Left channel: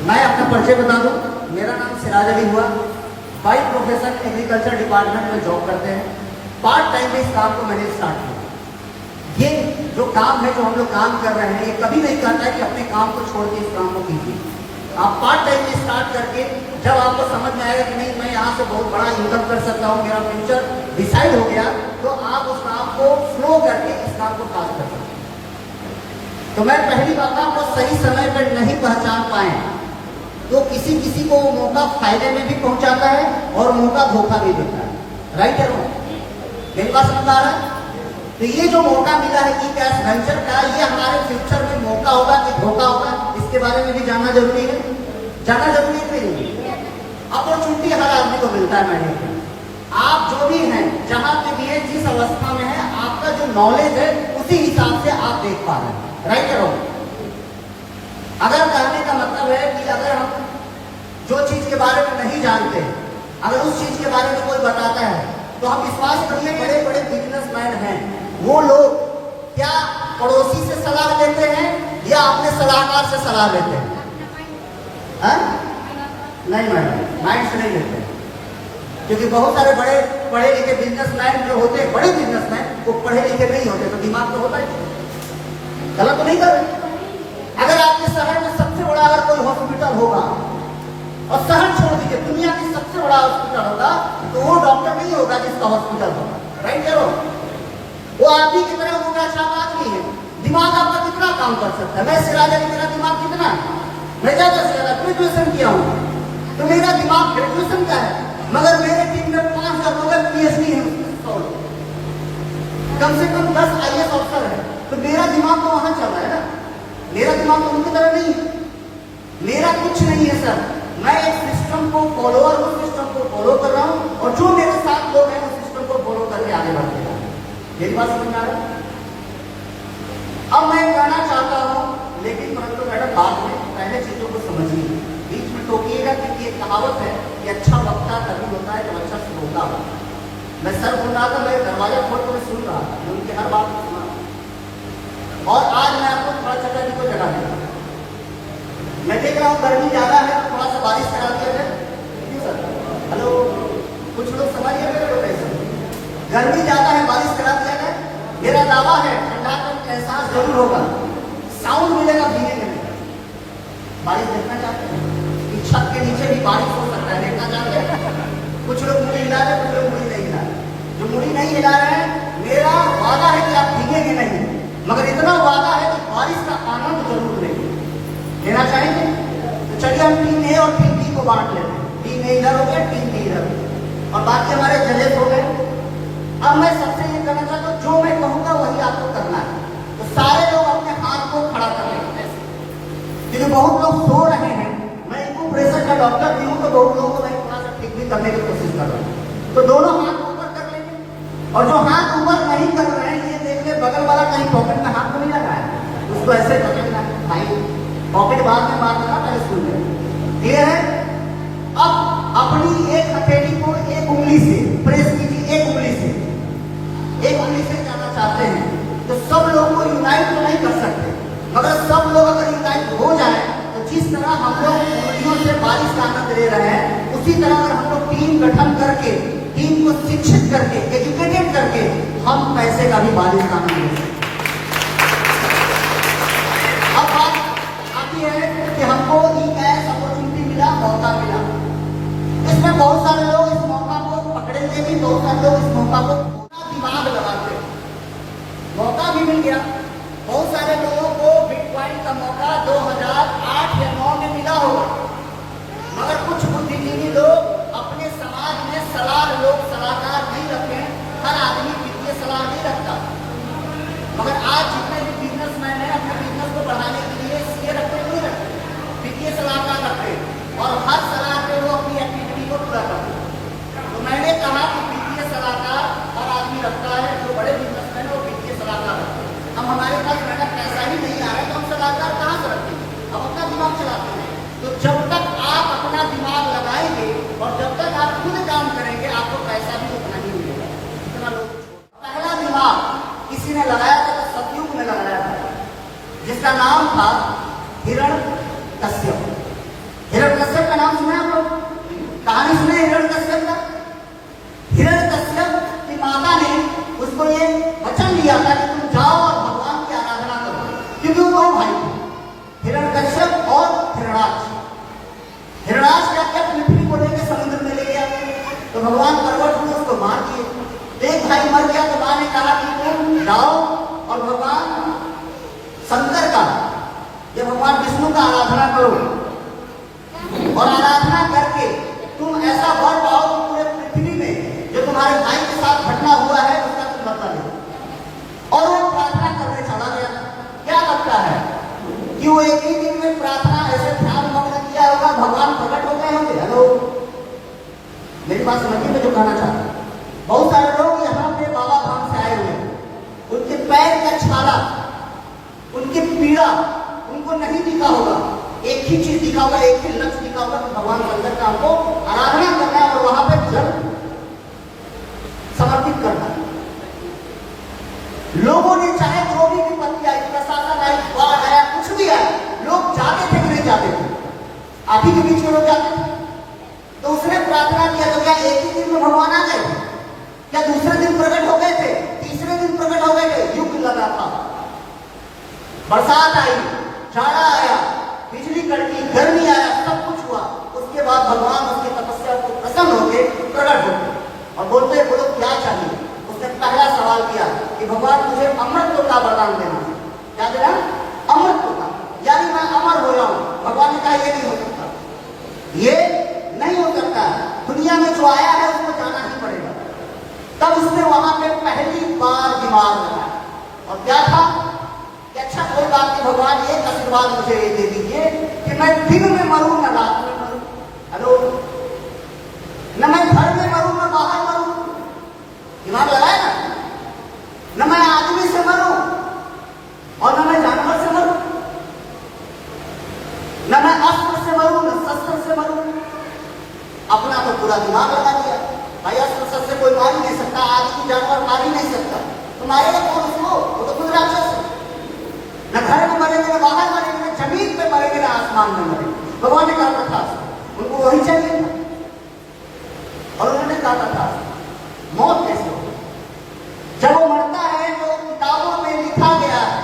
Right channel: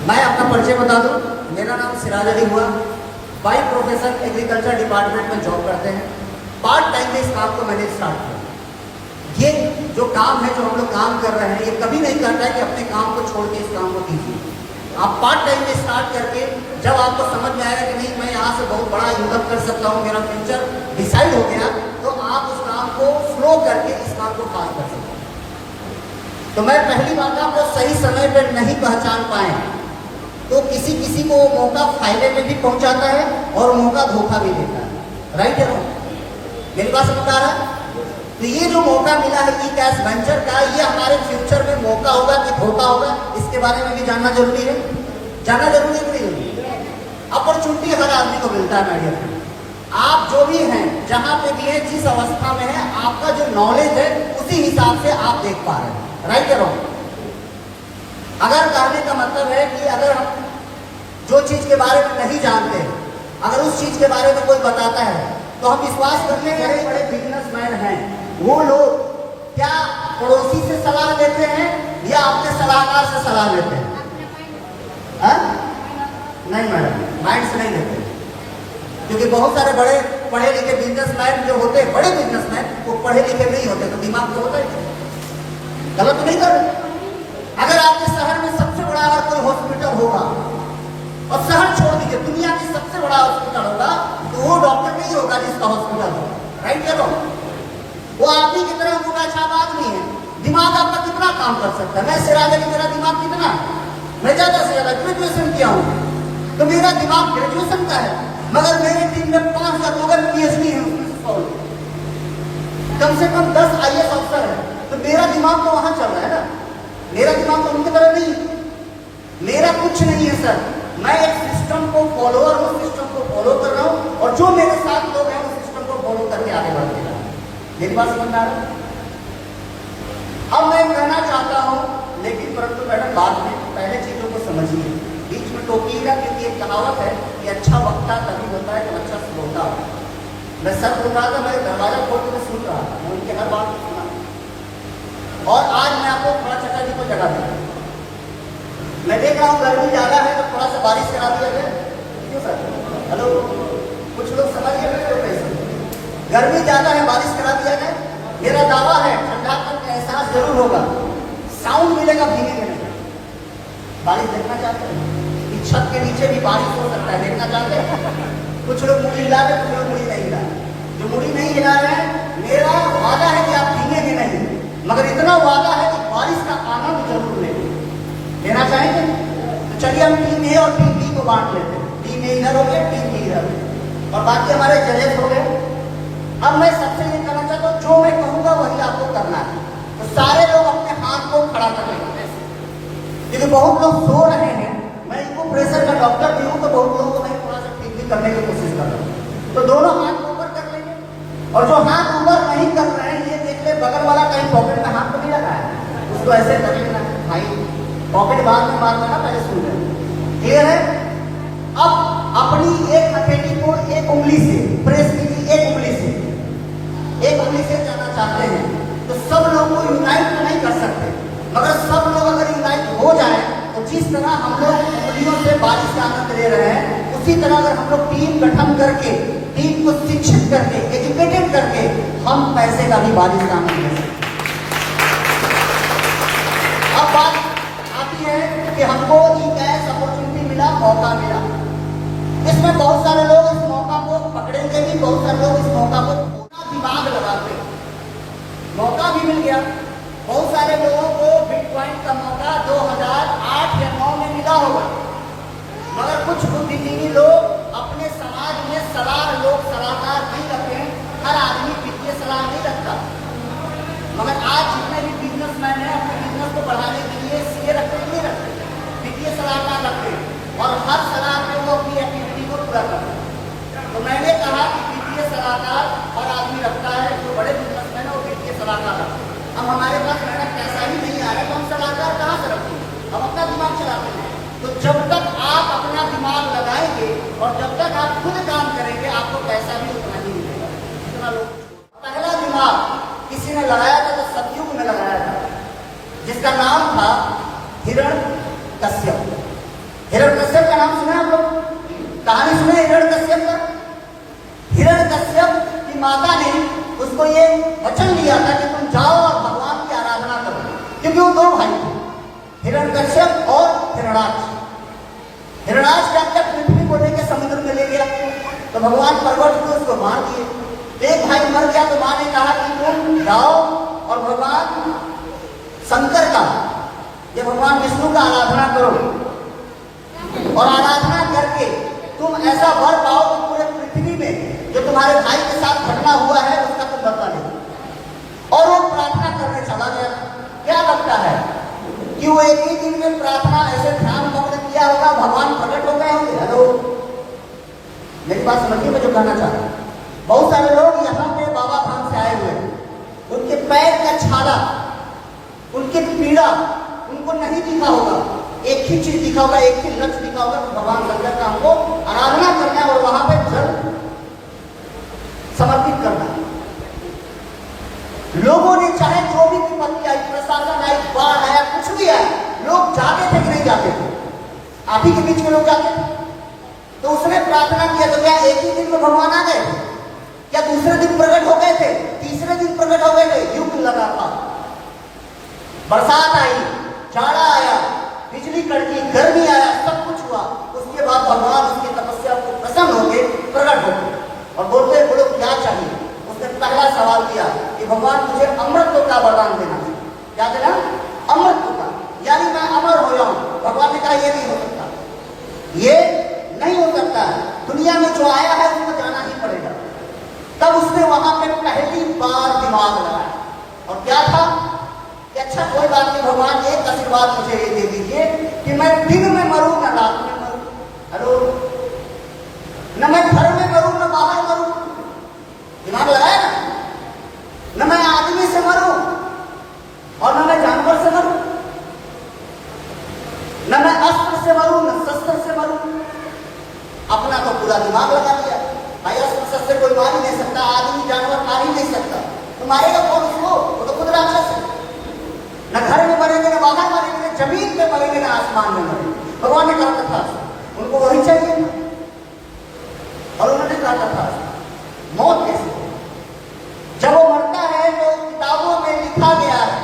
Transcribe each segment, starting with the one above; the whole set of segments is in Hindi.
मैं अपना परिचय बता दूं। मेरा नाम सिराज अली हुआ। बाय प्रोफेशन एग्रीकल्चर डिपार्टमेंट में जॉब करते हैं। पार्ट टाइम में इस काम को मैंने स्टार्ट किया। ये जो काम है, जो हम लोग काम कर रहे हैं, ये कभी नहीं कहता है कि अपने काम को छोड़ के इस काम को कीजिए। आप पार्ट टाइम में स्टार्ट करके जब आपको समझ में आएगा कि नहीं, मैं यहाँ से बहुत बड़ा इनकम कर सकता हूँ, मेरा फ्यूचर डिसाइड हो गया, तो आप उस काम को फ्लो करके इस काम को खास कर सकते हैं। तो मैं पहली बात, आपको सही समय पर नहीं पहचान पाए तो किसी किसी को मौका फायदे में भी पहुंचाता है और मौका धोखा भी देता है। राइट है मेरे पास बता रहा है। तो ये जो मौका मिला है ई कैश वेंचर का, ये हमारे फ्यूचर में मौका होगा कि धोखा होगा, इसके बारे में भी जानना जरूरी है। जानना जरूरी नहीं। अपॉर्चुनिटी हर आदमी को मिलता है मैडम। आप जो भी हैं, जहां पे भी हैं, जिस अवस्था में है, आपका जो नॉलेज है उसी हिसाब से आप देख पा रहे हैं। राइट है रॉन्ग? अगर कहने का मतलब है कि अगर हम जो चीज के बारे में नहीं जानते, अगर उस चीज के बारे में कोई बताता है, तो हम विश्वास करिए, बड़े बड़े बिजनेसमैन हैं, वो लोग क्या पड़ोसी से सलाह लेते हैं या अपने सलाहकार से सलाह लेते हैं? नहीं मैडम, माइंड से नहीं लेते, क्योंकि बहुत सारे बड़े पढ़े लिखे बिजनेसमैन जो होते हैं, बड़े बिजनेसमैन, वो पढ़े लिखे नहीं होते, तो दिमाग तो होता है। गलत तो नहीं कर रहे। अगर आपके शहर में सबसे बड़ा अगर कोई हॉस्पिटल होगा, और शहर छोड़ दीजिए, दुनिया की सबसे बड़ा हॉस्पिटल होगा, तो वो डॉक्टर नहीं होगा जिसका हॉस्पिटल होगा। राइट करो, वो आदमी की तरह उनका अच्छा आदमी है। दिमाग आपका कितना काम कर सकता है? मैं सिराज अली, मेरा दिमाग कितना है? मैं ज्यादा से ज्यादा ग्रेजुएशन किया हूँ, तो मेरा दिमाग ग्रेजुएशन का है, मगर मेरे टीम में 5 या लोग PhD है, कम से कम 10 IAS अफसर है, तो मेरा दिमाग तो वहां चल रहा है ना। मेरा दिमाग तो उनकी तरह नहीं, मेरा कुछ नहीं है सर। मैं एक सिस्टम को फॉलोअर हूँ, सिस्टम को फॉलो कर रहा हूँ, और जो मेरे साथ लोग हैं उस सिस्टम को फॉलो करके आगे बढ़ रहे हैं। मेरी बात समझ आ रहा है? अब मैं कहना चाहता हूँ, लेकिन परंतु मैडम बाद में पहले चीजों को समझिए, बीच में टोकिएगा, क्योंकि एक कहावत है कि अच्छा वक्ता तभी होता है जब अच्छा सुनता हो। मैं सर बोल रहा था, मैं दरवाजा खोल कर सुन रहा था, मैं उनकी हर बात को सुना। और आज मैं आपको थोड़ा चर्चा जी को जगह दूंगा। मैं देख रहा हूँ गर्मी ज्यादा है, तो थोड़ा सा बारिश करा दिया जाए। क्यों सर? हेलो, कुछ लोग समझ गए कैसे? गर्मी ज्यादा है, बारिश करा दिया जाए। मेरा दावा है ठंडापन का एहसास जरूर होगा, साउंड मिलेगा भीगेंगे नहीं। बारिश देखना चाहते हैं कि छत के नीचे भी बारिश हो सकता है, देखना चाहते हैं? कुछ लोग मुड़ी हिला रहे, कुछ लोग मुड़ी नहीं हिला रहे। जो मुड़ी नहीं हिला रहे हैं, मेरा वादा है कि आप भीगेंगे नहीं, मगर इतना वादा है कि बारिश का आनंद जरूर लेंगे। लेना चाहेंगे? तो चलिए हम टीम ए और टीम बी को बांट लेते हैं। टीम ए इधर हो गया, टीम बी इधर, और बाकी हमारे जजेस हो गए। अब मैं सबसे ये कहना चाहता हूँ, जो मैं कहूंगा वही आपको करना है। तो सारे लोग अपने हाथ को खड़ा कर लेंगे, क्योंकि बहुत लोग सो रहे हैं। मैं इनको प्रेशर का डॉक्टर भी हूँ, तो बहुत लोगों को नहीं थोड़ा सा ठीक भी करने की कोशिश कर रहा हूँ। तो दोनों हाथ ऊपर कर लेंगे, और जो हाथ ऊपर नहीं कर रहे हैं, ये देख ले बगल वाला कहीं पॉकेट में हाथ नहीं लगा है, उसको ऐसे रखेगा भाई, पॉकेट बाद में मारना आता है स्कूल में। क्लियर है? अब अपनी एक हथेली को एक उंगली से प्रेस कीजिए, एक उंगली से जाना चाहते हैं, तो सब लोग को इन्वाइट तो नहीं कर सकते, मगर सब लोग अगर इन्वाइट हो जाए, तो जिस तरह हम लोग उंगलियों से बारिश का आनंद ले रहे हैं, उसी तरह अगर हम लोग टीम गठन करके, टीम को शिक्षित करके, एजुकेटेड करके, हम पैसे का भी बारिश का आनंद ले सकते। अब बात आती है कि हमको ऐसा अपॉर्चुनिटी मिला, मौका मिला, इसमें बहुत सारे लोग इस मौका को पकड़ेंगे भी, बहुत सारे लोग इस मौका को दिमाग करेंगे आपको पैसा भी उतना ही मिलेगा, इतना लोग। पहला दिमाग किसी ने लगाया था तो सतयुग में लगाया था, जिसका नाम था हिरण्यकश्यप। हिरण्यकश्यप का नाम सुना आपको? कहानी सुने हिरण्यकश्यप का? हिरण्यकश्यप की माता ने उसको ये वचन दिया था कि तुम जाओ और भगवान की आराधना करो, क्योंकि वो दो भाई थे, हिरण्यकश्यप और हिरणाक्ष। हिरणाक्ष क्या क्या पृथ्वी को लेकर समुद्र में ले गया, तो भगवान पर्वत को उसको मार दिए। एक भाई मर गया तो मां ने कहा कि तुम जाओ और भगवान शंकर का, ये भगवान विष्णु का आराधना करो, और आराधना करके तुम ऐसा वर पाओ कि पूरे पृथ्वी में जो तुम्हारे भाई के साथ घटना हुआ है उसका तुम बदला लो। और वो प्रार्थना करने चला गया। क्या लगता है कि वो एक ही दिन में प्रार्थना ऐसे ध्यान मग्न किया होगा, भगवान प्रकट हो गए होंगे? हेलो, मेरी बात समझिए मैं जो कहना चाहता हूं। बहुत सारे लोग यहाँ पे बाबा धाम से आए हुए हैं, उनके पैर का छाला, उनकी पीड़ा उनको नहीं दिखा होगा, एक ही चीज दिखा होगा, एक ही लक्ष्य दिखा होगा कि भगवान शंकर का हमको आराधना करना है और वहां पे जल समर्पित करना है। लोगों ने चाहे तो भी विपत्ति आई, प्रशासन आई, बाढ़ आया, कुछ भी आया, लोग जाते थे कि नहीं जाते थे? आप ही के बीच में लोग जाते थे। तो उसने प्रार्थना किया तो क्या एक ही दिन में भगवान आ गए? क्या दूसरे दिन प्रकट हो गए थे? तीसरे दिन प्रकट हो गए थे? युद्ध लगा था, बरसात आई, जाड़ा आया, बिजली कड़की, गर्मी आया, सब कुछ हुआ। उसके बाद भगवान उसकी तपस्या को प्रसन्न होकर प्रकट हो गए और बोलते बोलो क्या चाहिए? उसने पहला सवाल किया कि भगवान मुझे अमृत का वरदान देना। क्या देना? अमृत का, यानी मैं अमर हो जाऊं। भगवान ने कहा ये नहीं हो सकता, ये नहीं हो सकता, दुनिया में जो आया है उसको जाना ही पड़ेगा। तब उसने वहां पे पहली बार दिमाग लगाया और क्या था कि अच्छा कोई बात नहीं, भगवान एक आशीर्वाद मुझे ये दे दीजिए कि मैं दिन में मरूं न रात में मरूं। हेलो, न मैं घर में मरूं न बाहर मरूं। दिमाग लगाया ना? न मैं आदमी से मरूं और न मैं जानवर से मरूं, न मैं अस्त्र से मरूं न शस्त्र से मरूं। अपना तो पूरा दिमाग लगा दिया। भाई अस्त्र शस्त्र कोई मार ही नहीं सकता, आदमी जानवर मार ही नहीं सकता, तो मारेगा कौन उसको? वो तो खुद राक्षस है। न घर में मरेंगे, न बाहर मरेंगे, न जमीन पे मरेंगे, न आसमान में मरेंगे। भगवान ने कहा था उनको वही चाहिए और उन्होंने कहा था मौत कैसे हो? जब वो मरता है तो किताबों में लिखा गया है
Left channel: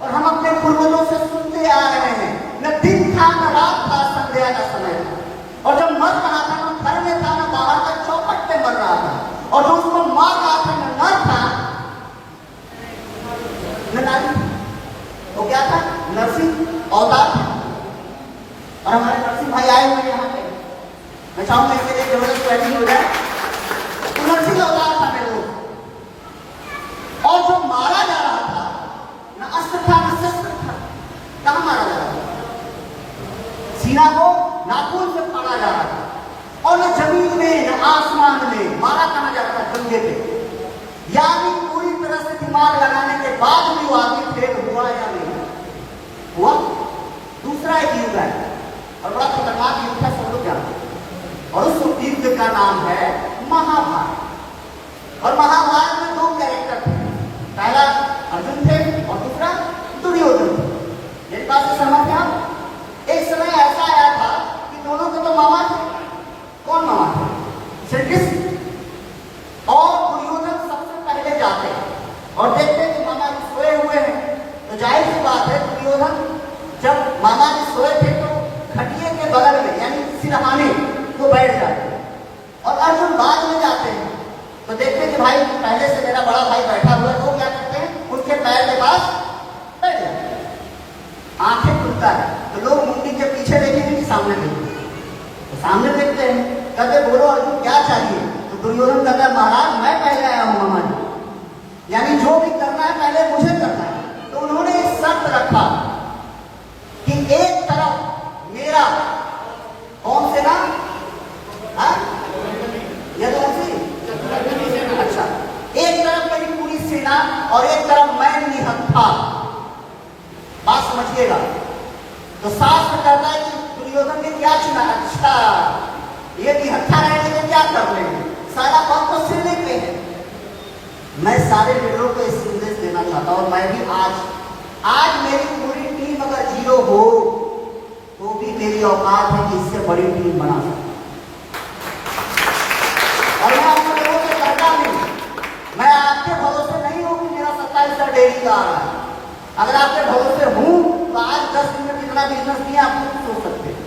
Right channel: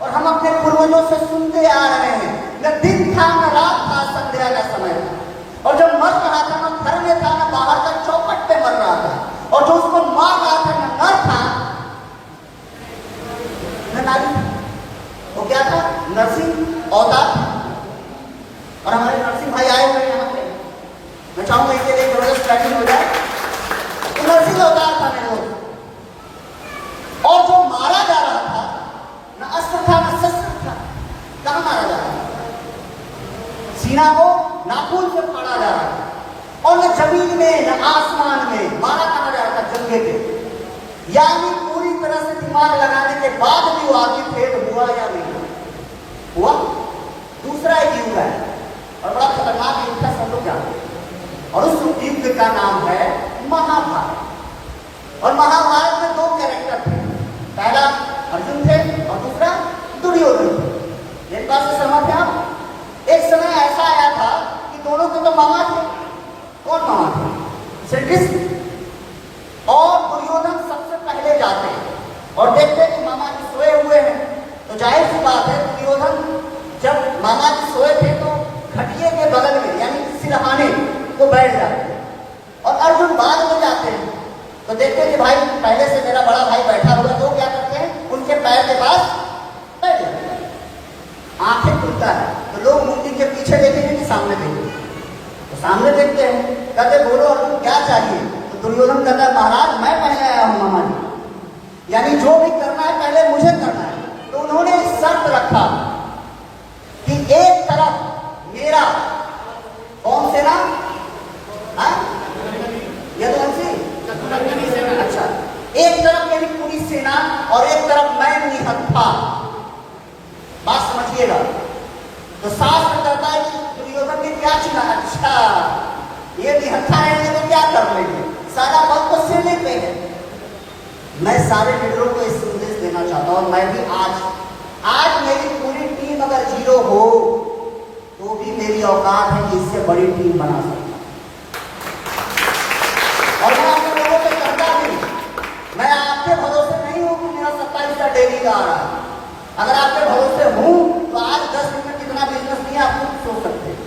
और हम अपने पूर्वजों से सुनते आ रहे हैं, न दिन था न रात था, संध्या का समय था। और जब मर रहा था न घर में था न बाहर का चौखट पे मर रहा था, और जो उसको मार रहा था न नर था न नारी। वो क्या था? नरसिंह अवतार था। और हमारे नरसिंह भाई आए हुए यहाँ पे, मैं चाहूंगा इसके लिए जबरदस्त बैटिंग हो जाए। तो नरसिंह अवतार था मेरे लोग, और जो मारा जा रहा था न अस्त्र था न शस्त्र था। कहां मारा जा रहा था? सीना को नाखून से फाड़ा जा रहा था, और न जमीन में न आसमान में। मारा कहां जा रहा था? जंगे पे। यानी पूरी तरह से दिमाग लगाने के बाद भी वो आगे फेल हुआ या नहीं हुआ? दूसरा एक युद्ध है और बड़ा खतरनाक युद्ध है, सब लोग जानते हैं, और उस युद्ध का नाम है महाभारत। और महाभारत में दो कैरेक्टर थे, पहला अर्जुन थे और दूसरा दुर्योधन थे। मेरे पास से समझ में आओ, एक समय ऐसा आया था कि दोनों के तो मामा थे। कौन मामा थे? श्री कृष्ण। और दुर्योधन सबसे पहले जाते और देखते कि मामा जी सोए हुए हैं, तो जाहिर सी बात है दुर्योधन जब मामा जी सोए थे तो खटिए के बगल में यानी सिरहाने तो बैठ जाते, और अर्जुन बाद में जाते हैं तो देखते कि भाई पहले से मेरा बड़ा भाई बैठा हुआ, तो क्या करते हैं उनके पैर के पास बैठ जाते हैं। आंखें खुलता है तो लोग मूर्ति के पीछे देखेंगे कि सामने देखेंगे, तो सामने देखते हैं, कहते बोलो अर्जुन क्या चाहिए? तो दुर्योधन कहता है महाराज मैं पहले आया हूं मामा जी, यानी जो भी करना है पहले मुझे करना है। तो उन्होंने एक शर्त रखा कि एक तरफ मेरा कौन से नाम यदुवंशी, अच्छा, एक तरफ मेरी पूरी सेना और एक तरफ मैं निहत्था। बात समझिएगा। तो शास्त्र कहता है कि दुर्योधन ने क्या चुना? अच्छा ये निहत्था रहेंगे तो क्या कर लेंगे? सारे लीडरों को इस संदेश देना चाहता हूं, मैं भी आज मेरी पूरी टीम अगर 0 हो तो भी मेरी औकात है कि इससे बड़ी टीम बना सकूं। और मैं आप लोगों से करता भी, मैं आपके भरोसे नहीं हूं कि मेरा 27 डेली का आ रहा है। अगर आपके भरोसे हूं तो आज 10 दिन में कितना बिजनेस किया आप खुद सोच सकते हैं।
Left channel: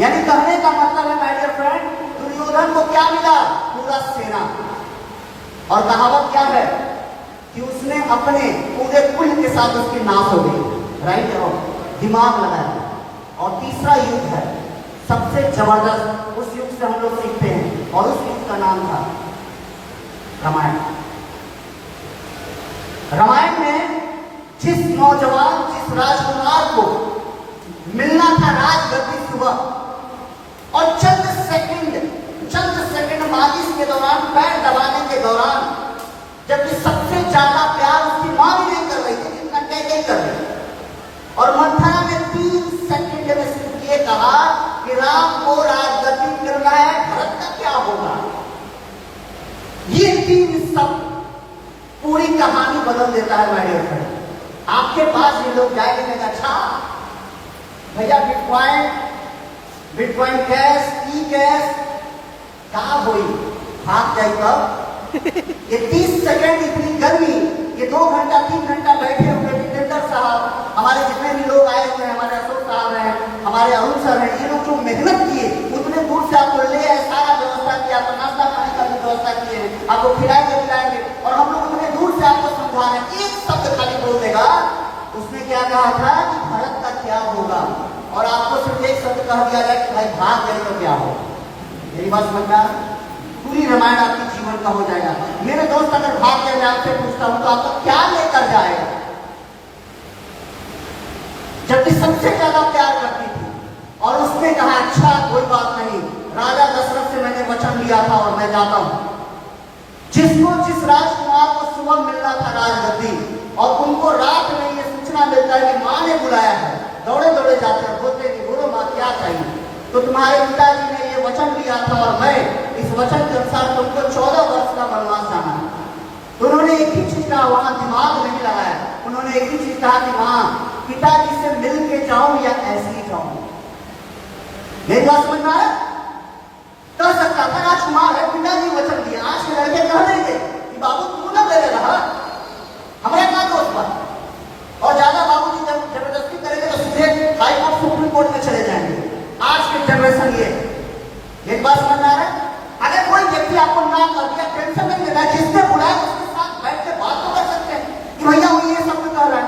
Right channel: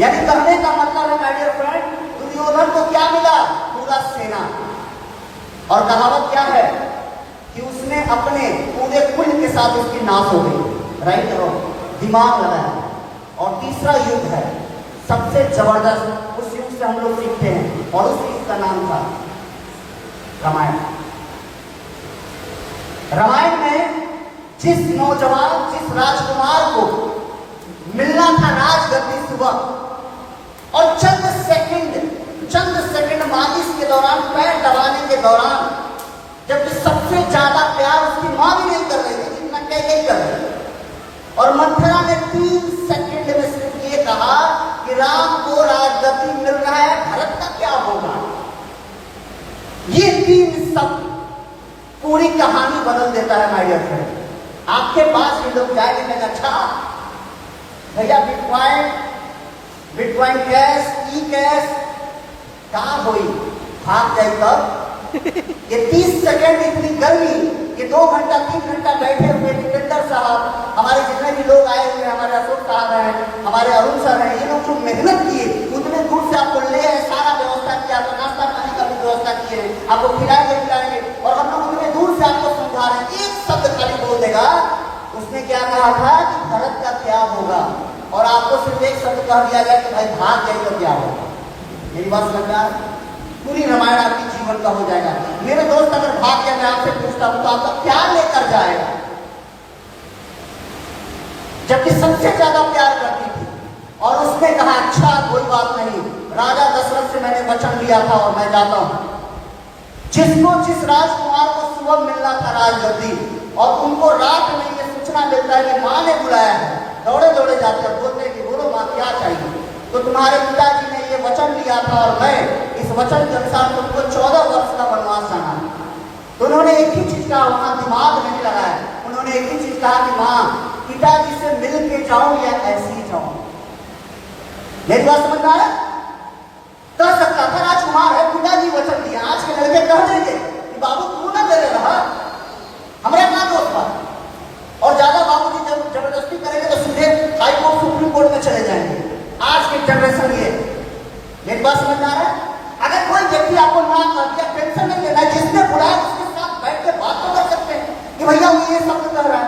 यानी कहने का मतलब है माय डियर फ्रेंड, दुर्योधन को क्या मिला? पूरा सेना। और कहावत क्या है कि उसने अपने पूरे कुल के साथ उसकी नाश हो गई, राइट? और दिमाग लगाया। और तीसरा युद्ध है सबसे जबरदस्त, उस युग से हम लोग सीखते हैं, और उस युग का नाम था रामायण। रामायण में जिस नौजवान, जिस राजकुमार को मिलना था राजगद्दी सुबह, और चंद सेकंड मालिश के दौरान, पैर दबाने के दौरान, जबकि सबसे ज्यादा प्यार उसकी मां भी नहीं कर रही थी, इतना कैसे कर रही। और मंथरा ने 3 सेकंड में सिर्फ ये कहा कि राम को राजगद्दी मिल रहा है, भरत का क्या होगा। ये 3 शब्द पूरी कहानी बदल देता है माय डियर फ्रेंड। आपके पास ये लोग जाएंगे, अच्छा भैया बिटकॉइन कैश, ई कैश कहां हुई, भाग जाए तब। ये 30 सेकंड इतनी गर्मी, ये 2 घंटा 3 घंटा बैठे हुए जितेंद्र साहब, हमारे जितने भी लोग आए हुए, हमारे अशोक साहब हैं, हमारे अरुण सर हैं, ये लोग जो मेहनत किए, उतने दूर से आपको ले आए, सारा व्यवस्था किया, तो नाश्ता पानी का भी व्यवस्था किए, आपको खिलाएंगे, और हम लोग उतने दूर से आपको समझा रहे हैं। एक शब्द खाली बोल देगा, उसने क्या कहा था कि भारत का क्या होगा, और आपको सिर्फ एक शब्द कह दिया जाए कि भाई भाग गए तो क्या होगा। मेरी बात समझ रहा, पूरी रामायण आपके जीवन का हो जाएगा। मेरे दोस्त अगर भाग गया, मैं आपसे पूछता हूं तो आपका क्या लेकर जाएगा? जबकि सबसे ज्यादा प्यार करती थी, और उसने कहा अच्छा कोई बात नहीं, राजा दशरथ से मैंने वचन लिया था और मैं जाता हूं। जिस राजकुमार को सुबह मिलना था राजगद्दी, और उनको रात में ये सूचना मिलता है कि मां ने बुलाया है, दौड़े दौड़े जाते हैं, बोलते कि बोलो मां क्या चाहिए। तो तुम्हारे पिताजी ने ये वचन लिया था और मैं इस वचन के अनुसार तुमको 14 वर्ष का वनवास आना है। तो उन्होंने एक ही चीज कहा, वहां दिमाग नहीं लगाया, उन्होंने एक ही चीज कहा कि मां पिताजी से मिल के जाऊं या ऐसे ही जाऊं। मेरी बात समझ रहा है? कह सकता था राजकुमार है, पिताजी वचन दिया। आज के लड़के कह देंगे कि बाबू तू ना करे रहा, हमारे क्या दोस्त था, और ज्यादा बाबूजी जब जबरदस्ती करेंगे तो सीधे हाई कोर्ट सुप्रीम कोर्ट में चले जाएंगे। आज की जनरेशन ये एक बात समझ आ रहा है? अगर कोई व्यक्ति आपको ना कर दिया, टेंशन नहीं लेना, जिसने बुलाया उसके साथ बैठ के बात तो कर सकते हैं कि भैया वो ये सब कह रहा है।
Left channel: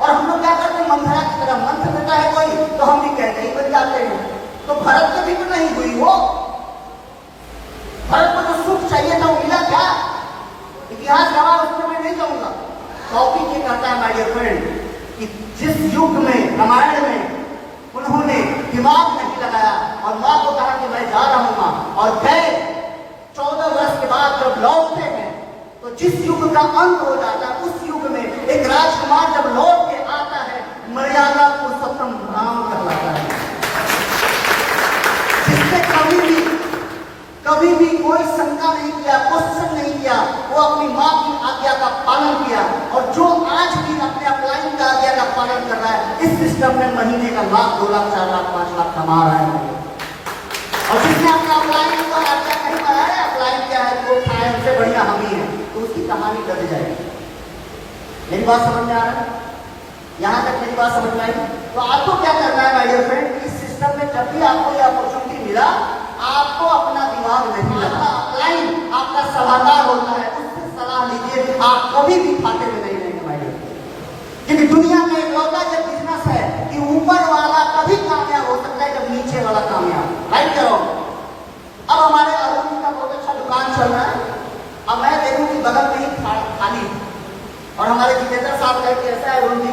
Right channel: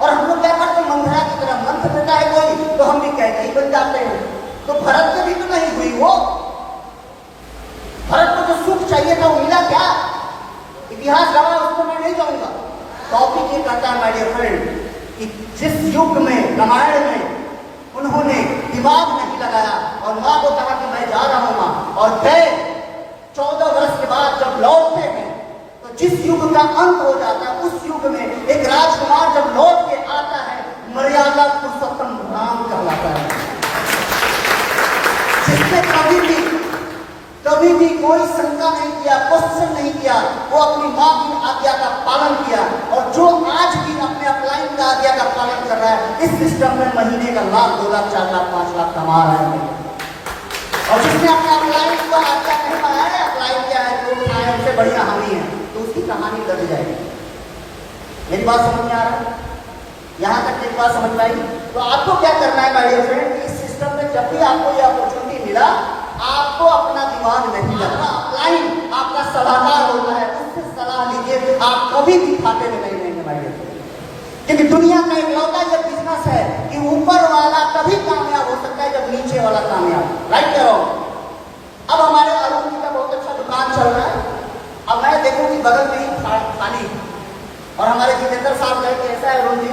और हम लोग क्या करते हैं, मंथरा की तरह मंत्र देता है कोई तो हम भी कहते ही बन जाते हैं। तो भरत में भी तो नहीं हुई वो, भरत को जो सुख चाहिए था वो मिला क्या? इतिहास रहा, उसको मैं नहीं कहूंगा। टॉपिक ये कहता है माय डियर फ्रेंड कि जिस युग में, रामायण में उन्होंने दिमाग नहीं लगाया और मां को कहा कि मैं जा रहा हूं मां, और गए 14 वर्ष के बाद जब लौटते हैं तो जिस युग का अंत हो जाता है, उस युग में एक राजकुमार जब लौट के आता है, मर्यादा पुरुषोत्तम राम कहलाता है, जिसने कभी भी कोई शंका नहीं किया, क्वेश्चन नहीं किया, वो अपनी मां की आज्ञा का पालन किया। और जो आज भी अपने अपलाइन का आज्ञा का पालन कर रहा है, इस सिस्टम में महीने का लाख, 2 लाख, 4 लाख, 5 लाख कमा रहा है। और जिसने अपने अपलाइन को आज्ञा नहीं बनाया, अपलाइन किया है जो खाए उनसे बढ़िया हम ही है, तो उसकी कहानी लग जाएगी। मेरी बात समझ में आ रहा है? यहां तक मेरी बात समझ में आई? तो आपको क्या करना है माय डियर फ्रेंड, इस सिस्टम में जब भी आपको यह अपॉर्चुनिटी मिला, आपको अपना दिमाग नहीं लगता, अपलाइन आपका सलाहकार होता है, उससे सलाह लीजिए, आप कभी भी खाते में नहीं रहेंगे माय डियर फ्रेंड। क्योंकि दुनिया में इकलौता ये बिजनेस है कि ऊपर वाला कभी कामयाब हो सकता है जब नीचे वाला कामयाब, राइट क्या हो? अब हमारे अरुण जी का बहुत अच्छा दुकान चल रहा है, अब मैं देखूं कि बगल में ही खाली, और हमारे जितेंद्र साहब कहे कि ऐसा है अरुण जी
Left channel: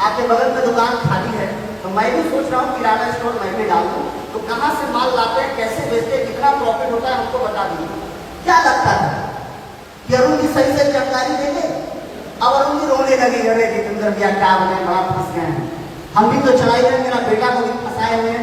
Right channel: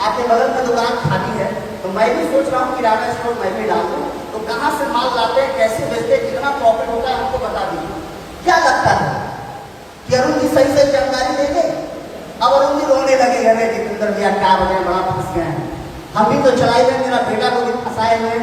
आपके बगल में दुकान खाली है, तो मैं भी सोच रहा हूँ किराना स्टोर मैं भी डाल दूं। तो कहां से माल लाते हैं, कैसे बेचते हैं, कितना प्रॉफिट होता है, हमको बता दीजिए। क्या लगता है कि अरुण जी सही सही जानकारी देंगे? अब अरुण जी रोने लगे, अरे जितेंद्र भैया क्या बोले, बड़ा फंस गए हैं, हम भी तो चलाई लेंगे ना, बेटा को भी फंसाए हुए